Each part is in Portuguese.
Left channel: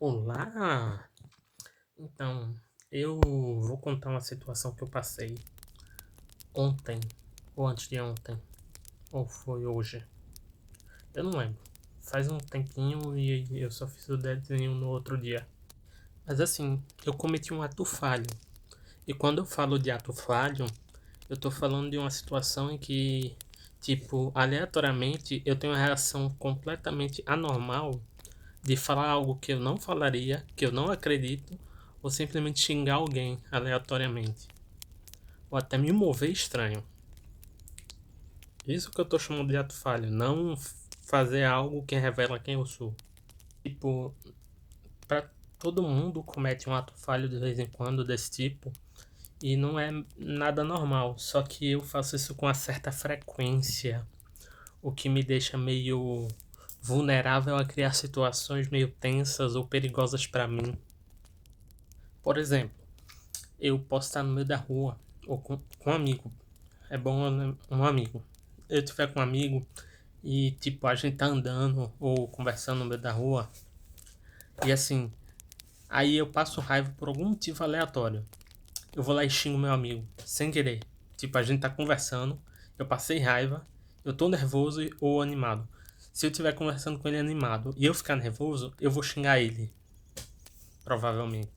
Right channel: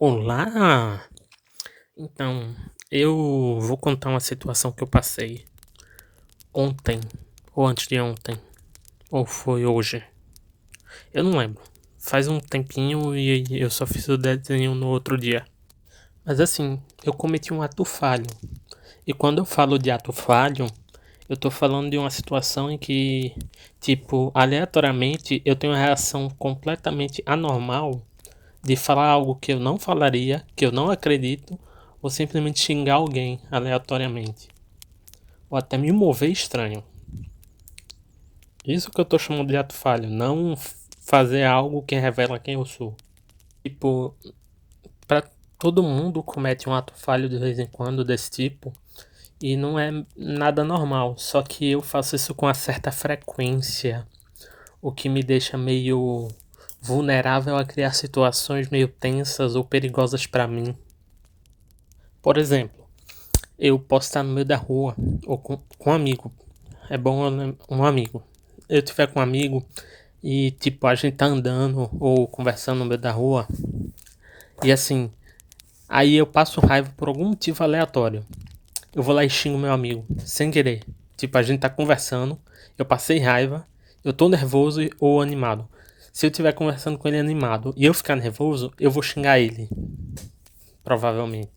Olá! Então, eu vou contar uma situação que eu passei ontem, ou antes de ontem, ou foi hoje. Eu não lembro. Faz um tempinho e eu só fiz o desenho no outro dia. Mas assim, eu cometi um ato falho. E quando eu falo de ato falho, eu tô falando de uma situação em que, tipo, aleatoriamente eu tenho uma reação completamente anormal de falar algo que eu não falaria, que eu não acredito, ou simplesmente xingar alguém aleatoriamente, ou até me mover estranho. Isso que eu tô chamando de ato falho, não fazer algo que revela quem eu sou. Tipo, pra todo mundo comete um ato falho de vez em quando desse tipo, e não é nada normal, só que eu faço isso com uma certa frequência, o que me deixa meio vulnerável a criar situações meio tensas ou perigosas pra mim. Por exemplo, eu posso estar no meio da rua ou com um amigo. É bom um amigo. Eu tiver com um amigo e tipo a gente tá andando ou conversando no meio da rua e assim, aí eu passo raiva por algum motivo aleatório. Eu vou lá e xingo meu amigo, sem querer. Tipo, a gente tá conversando, eu passei raiva, eu tô nervoso ou animado. Se eu estiver conversando com ele animado e eu ficar nervoso, eu vou xingar ele, provavelmente.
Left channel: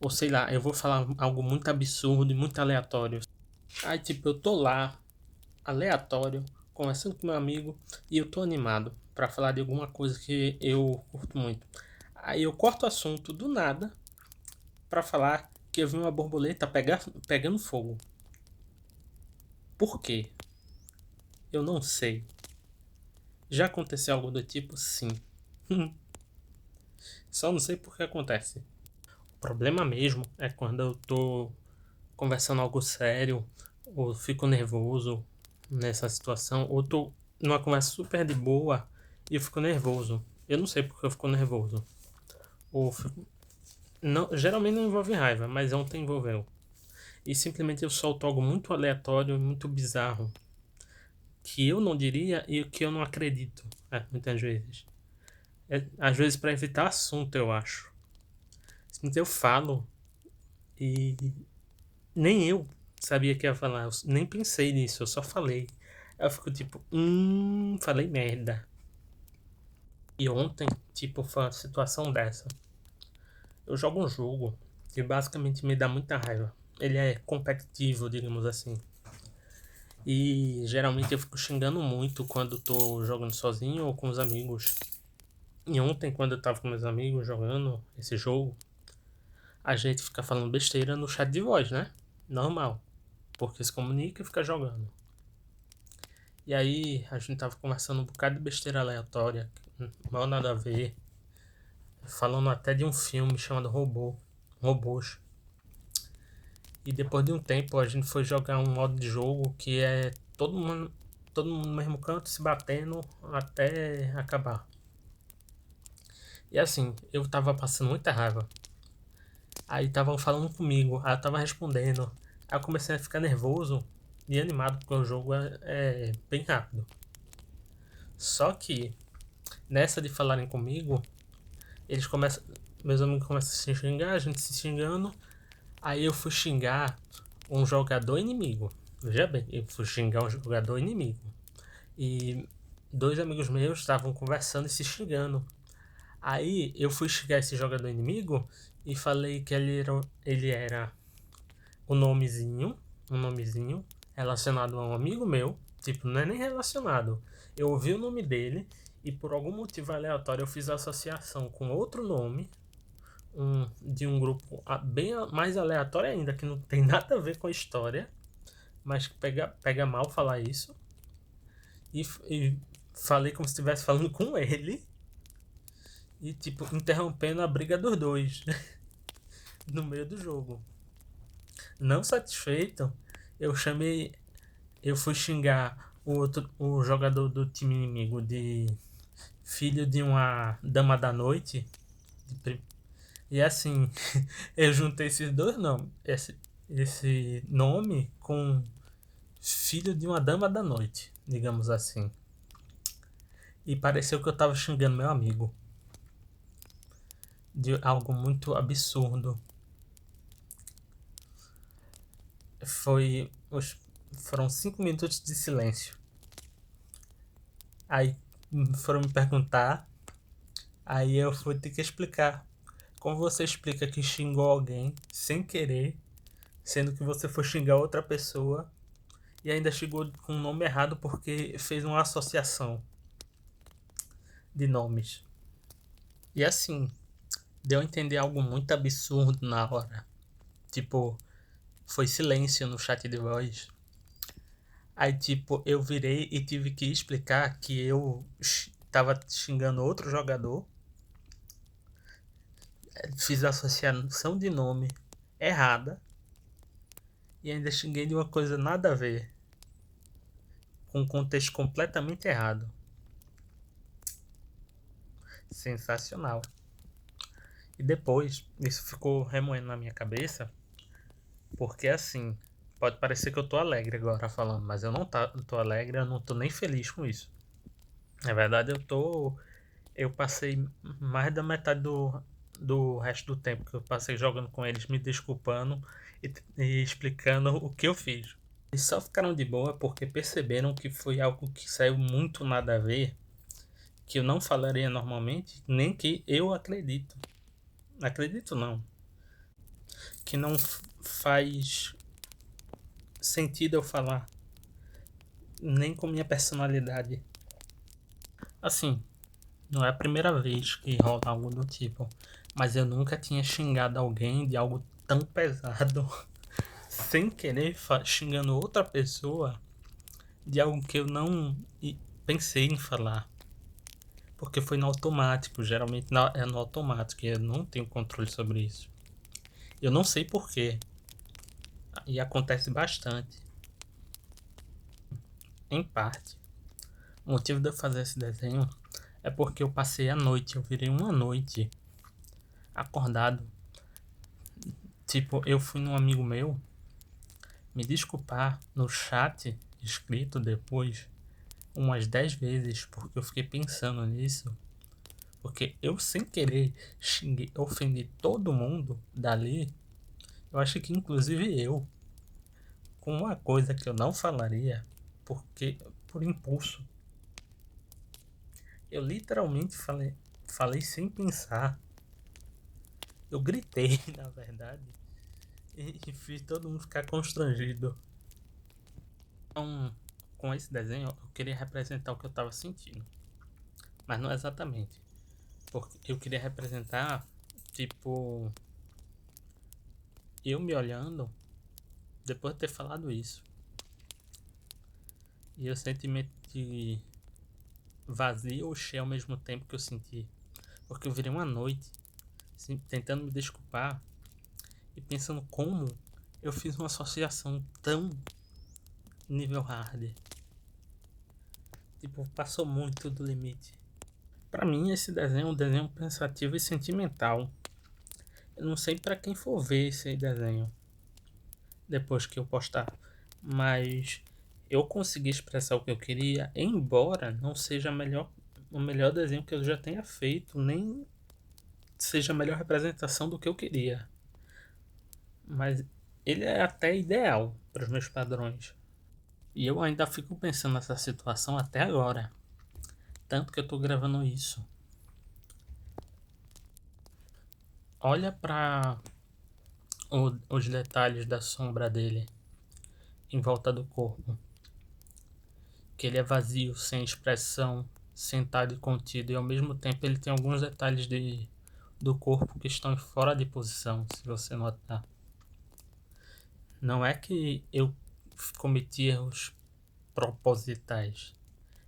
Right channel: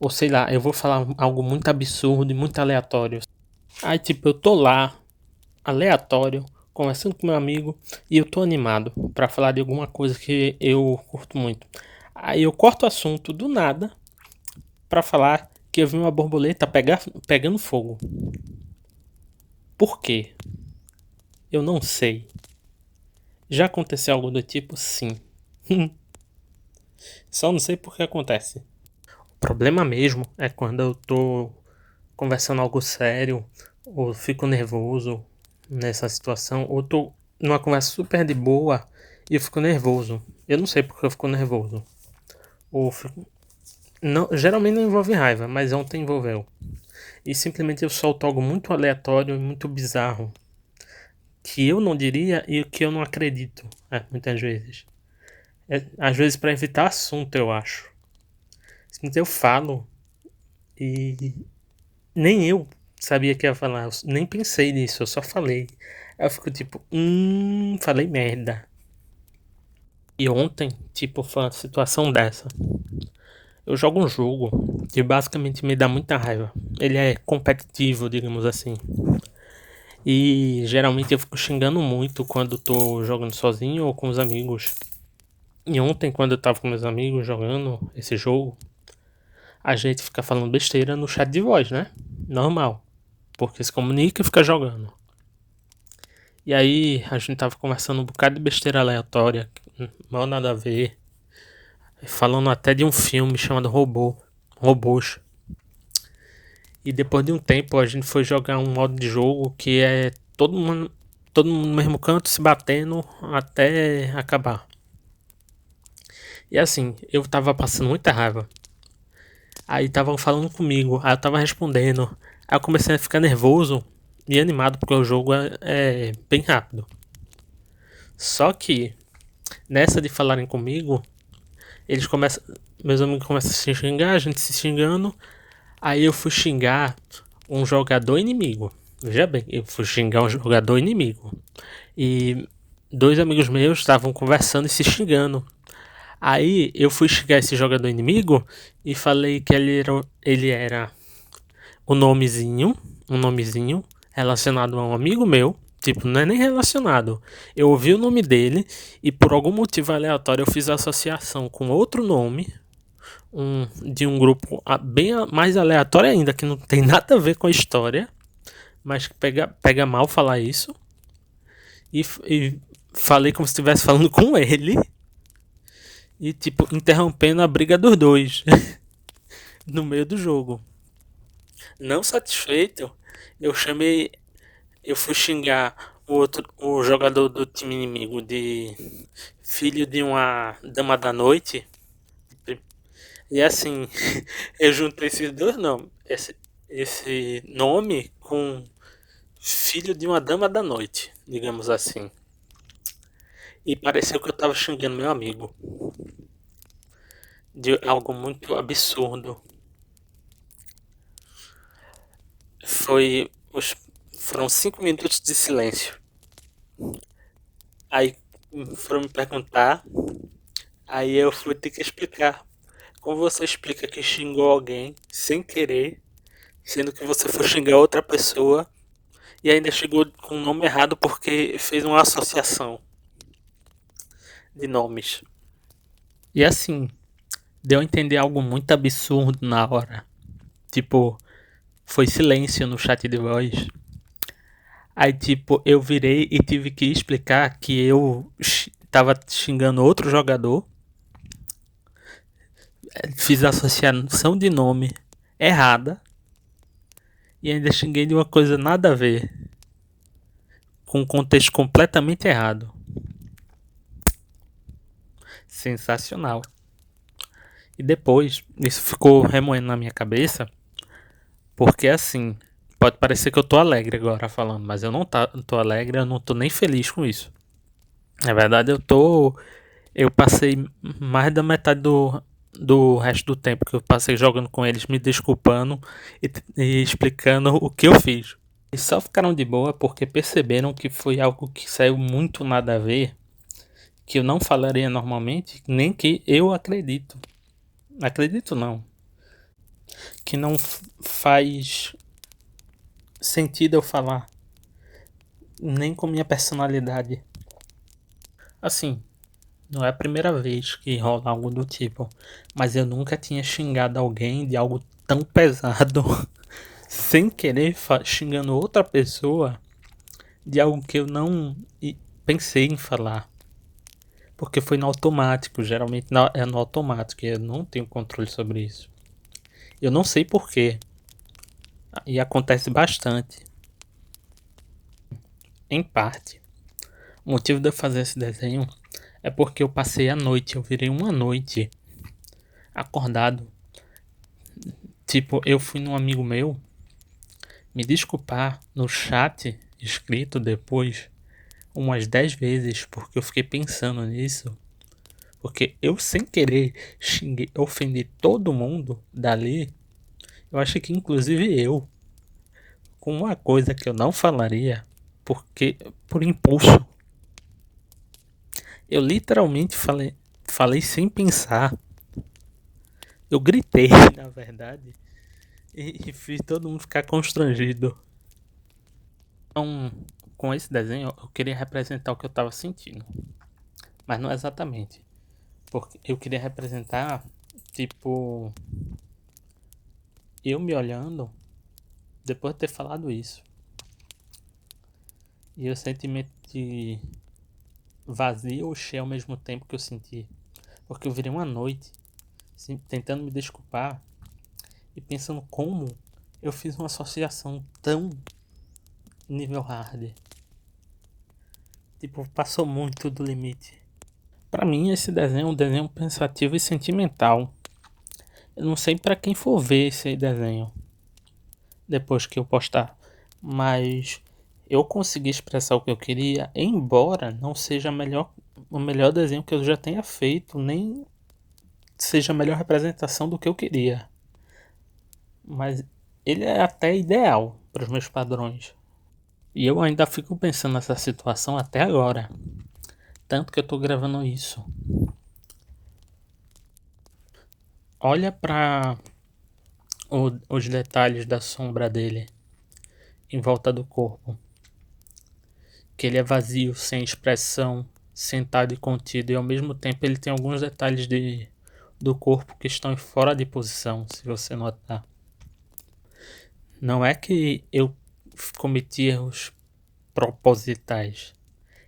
Ou sei lá, eu vou falar algo muito absurdo e muito aleatório. Aí, tipo, eu tô lá, aleatório, conversando com meu amigo, e eu tô animado pra falar de alguma coisa que eu curto muito. Aí eu corto o assunto do nada pra falar que eu vi uma borboleta pegando fogo. Por quê? Eu não sei. Já aconteceu algo do tipo? Sim. Só não sei por que acontece. O problema mesmo é quando eu tô conversando algo sério, ou fico nervoso nessa situação, ou tô numa conversa super de boa e eu fico nervoso. Eu não sei porque eu fico nervoso. Não, geralmente não envolve raiva, mas ontem envolveu. E simplesmente eu solto algo muito aleatório e muito bizarro. Que eu não diria e que eu não acredito. Muitas vezes. Às vezes para evitar assunto, eu acho. Simplesmente eu falo e nem eu sabia que ia falar, eu nem pensei nisso, eu só falei. Aí eu fico tipo, falei merda. E ontem, tipo, foi uma situação dessa. Eu jogo um jogo que basicamente me dá muita raiva. Ele é competitivo, digamos assim. E geralmente eu fico xingando muito quando tô jogando sozinho ou com os amigos. E ontem, quando eu tava com meus amigos jogando esse jogo, a gente fica falando besteira no chat de voz, né? Normal. Porque se comunica e fica jogando. E aí a gente tava conversando um bocado de besteira aleatória, mal nada a ver. Falando até de um filme chamado Robôs. E depois de um tempo a gente foi jogar um modo de jogo que é todo mundo no mesmo canto se batendo até acabar. E assim, eu tava passando muita raiva. Aí estavam falando comigo, aí eu tava respondendo. Aí eu comecei a ficar nervoso e animado porque o jogo é bem rápido. Só que nessa de falarem comigo, eles começam. Meus amigos começam a se xingar, a gente se xingando. Aí eu fui xingar um jogador inimigo. Veja bem, eu fui xingar um jogador inimigo. E dois amigos meus estavam conversando e se xingando. Aí eu fui xingar esse jogador inimigo e falei que ele era o nomezinho, um nomezinho relacionado a um amigo meu. Tipo, não é nem relacionado. Eu ouvi o nome dele e por algum motivo aleatório eu fiz a associação com outro nome de um grupo bem mais aleatório ainda, que não tem nada a ver com a história, mas pega mal falar isso. E falei como se estivesse falando com ele. E, tipo, interrompendo a briga dos dois no meio do jogo. Não satisfeito, eu chamei. Eu fui xingar o jogador do time inimigo de filho de uma dama da noite. E assim, eu juntei esses dois nomes. Esse nome com filho de uma dama da noite, digamos assim. E pareceu que eu tava xingando meu amigo. de algo muito absurdo. Foi os, foram 5 minutos de silêncio. Aí foram me perguntar, aí eu fui ter que explicar. Como você explica que xingou alguém sem querer, sendo que você foi xingar outra pessoa e ainda chegou com o nome errado porque fez uma associação de nomes. E assim, deu a entender algo muito absurdo na hora. Tipo, foi silêncio no chat de voz. Aí, tipo, eu virei e tive que explicar que eu tava xingando outro jogador. Fiz a associação de nome errada. E ainda xinguei de uma coisa nada a ver. Com um contexto completamente errado. Sensacional. E depois, isso ficou remoendo na minha cabeça. Porque assim, pode parecer que eu tô alegre agora falando, mas eu não tô alegre, eu não tô nem feliz com isso. Na verdade, eu passei mais da metade do resto do tempo que eu passei jogando com eles, me desculpando e explicando o que eu fiz. E só ficaram de boa porque perceberam que foi algo que saiu muito nada a ver, que eu não falaria normalmente, nem que eu acredito. Acredito não. Que não faz sentido eu falar, nem com minha personalidade. Assim, não é a primeira vez que rola algo do tipo, mas eu nunca tinha xingado alguém de algo tão pesado, sem querer, xingando outra pessoa de algo que eu não pensei em falar. Porque foi no automático, geralmente é no automático, e eu não tenho controle sobre isso. Eu não sei porquê, e acontece bastante. Em parte, o motivo de eu fazer esse desenho é porque eu passei a noite, eu virei uma noite acordado. Tipo, eu fui num amigo meu me desculpar no chat escrito depois umas 10 vezes porque eu fiquei pensando nisso. Porque eu sem querer xinguei, ofendi todo mundo dali. Eu acho que inclusive eu, com uma coisa que eu não falaria, porque por impulso. Eu literalmente falei sem pensar. Eu gritei, na verdade, e fiz todo mundo ficar constrangido. Então, com esse desenho, eu queria representar o que eu estava sentindo. Mas não exatamente. Porque eu queria representar, tipo, eu me olhando depois de ter falado isso. E o sentimento de vazio ou cheio ao mesmo tempo que eu senti. Porque eu virei uma noite assim, tentando me desculpar e pensando como eu fiz uma associação tão nível hard. Tipo, passou muito do limite. Pra mim, esse desenho é um desenho pensativo e sentimental. Eu não sei pra quem for ver esse desenho depois que eu postar, mas eu consegui expressar o que eu queria, embora não seja o melhor desenho que eu já tenha feito, nem seja a melhor representação do que eu queria. Mas ele é até ideal para os meus padrões. E eu ainda fico pensando nessa situação até agora. Tanto que eu tô gravando isso. Olha para os detalhes da sombra dele em volta do corpo. Que ele é vazio, sem expressão, sentado e contido. E ao mesmo tempo ele tem alguns detalhes do corpo que estão fora de posição, se você notar. Não é que eu cometi erros propositais.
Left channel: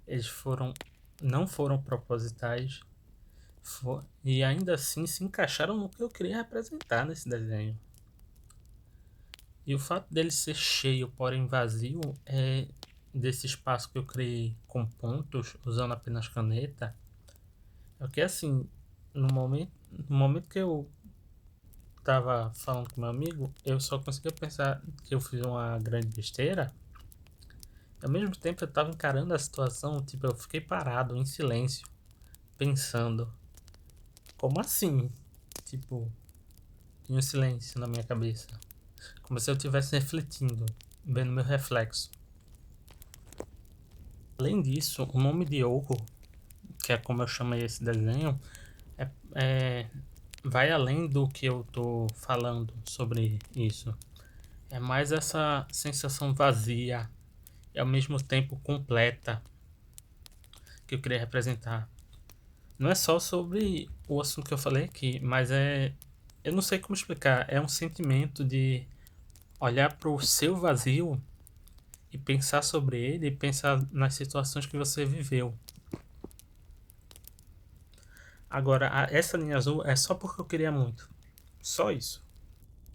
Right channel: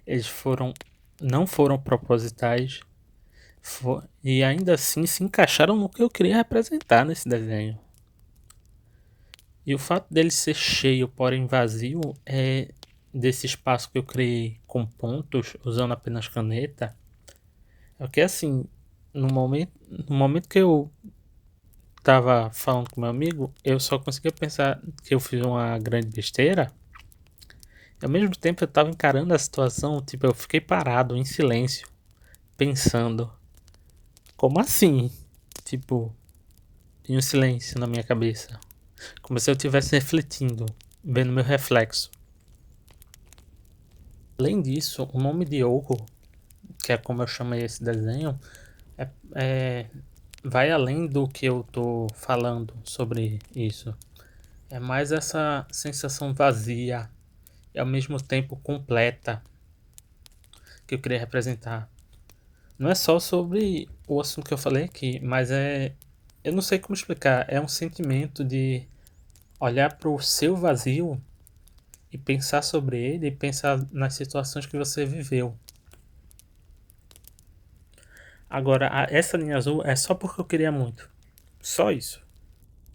Eles não foram propositais e ainda assim se encaixaram no que eu queria representar nesse desenho. E o fato dele ser cheio, porém vazio, é desse espaço que eu criei com pontos, usando apenas caneta. É que assim, no momento que eu tava falando com meu amigo, eu só conseguia pensar que eu fiz uma grande besteira. Ao mesmo tempo eu tava encarando a situação, tipo, eu fiquei parado em silêncio, pensando, como assim? tipo, em um silêncio na minha cabeça. Como se eu estivesse refletindo, vendo meu reflexo. Além disso, o nome de Yoko, que é como eu chamei esse desenho, é, é- vai além do que eu tô falando sobre isso. É mais essa sensação vazia e ao mesmo tempo completa que eu queria representar. Não é só sobre o assunto que eu falei aqui, mas eu não sei como explicar. É um sentimento de olhar para o seu vazio e pensar sobre ele e pensar nas situações que você viveu. Agora, essa linha azul é só porque eu queria muito. Só isso.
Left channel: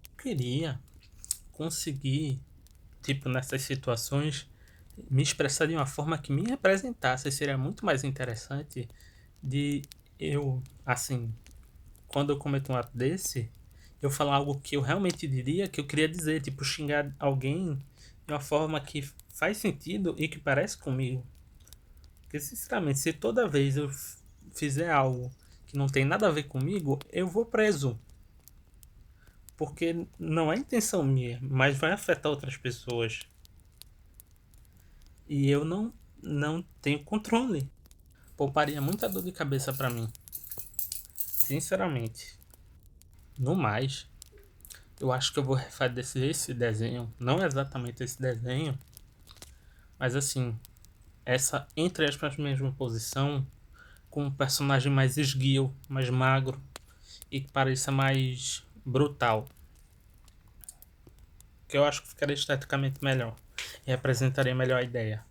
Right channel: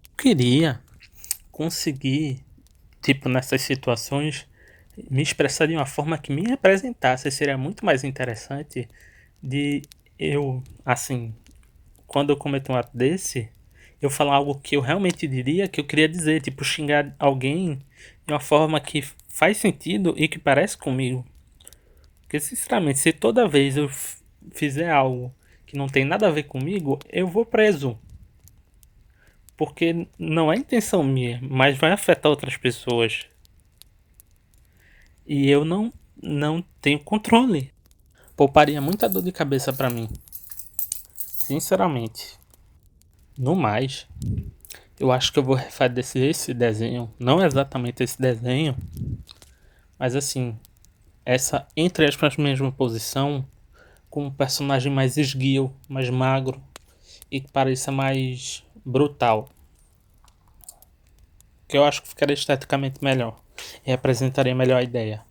Eu queria conseguir, tipo, nessas situações, me expressar de uma forma que me representasse. Seria muito mais interessante de eu, assim, quando eu cometo um ato desse, eu falar algo que eu realmente diria, que eu queria dizer, tipo, xingar alguém de uma forma que faz sentido e que parece comigo. Porque, sinceramente, se toda vez eu fizer algo que não tem nada a ver comigo, eu vou preso. Porque não é intenção minha, mas vai afetar outras pessoas. E eu não tenho controle. Pouparia muita dor de cabeça pra mim. Sinceramente. No mais, eu acho que eu vou refazer esse desenho. Não exatamente esse desenho, mas assim, essa entre aspas mesma posição, com um personagem mais esguio, mais magro e que pareça mais brutal. Que eu acho que ficaria esteticamente melhor. E representaria melhor a ideia.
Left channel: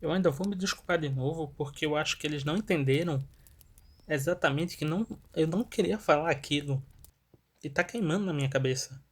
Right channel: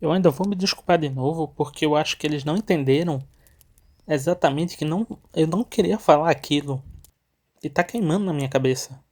Eu ainda vou me desculpar de novo porque eu acho que eles não entenderam exatamente que eu não queria falar aquilo. E tá queimando na minha cabeça.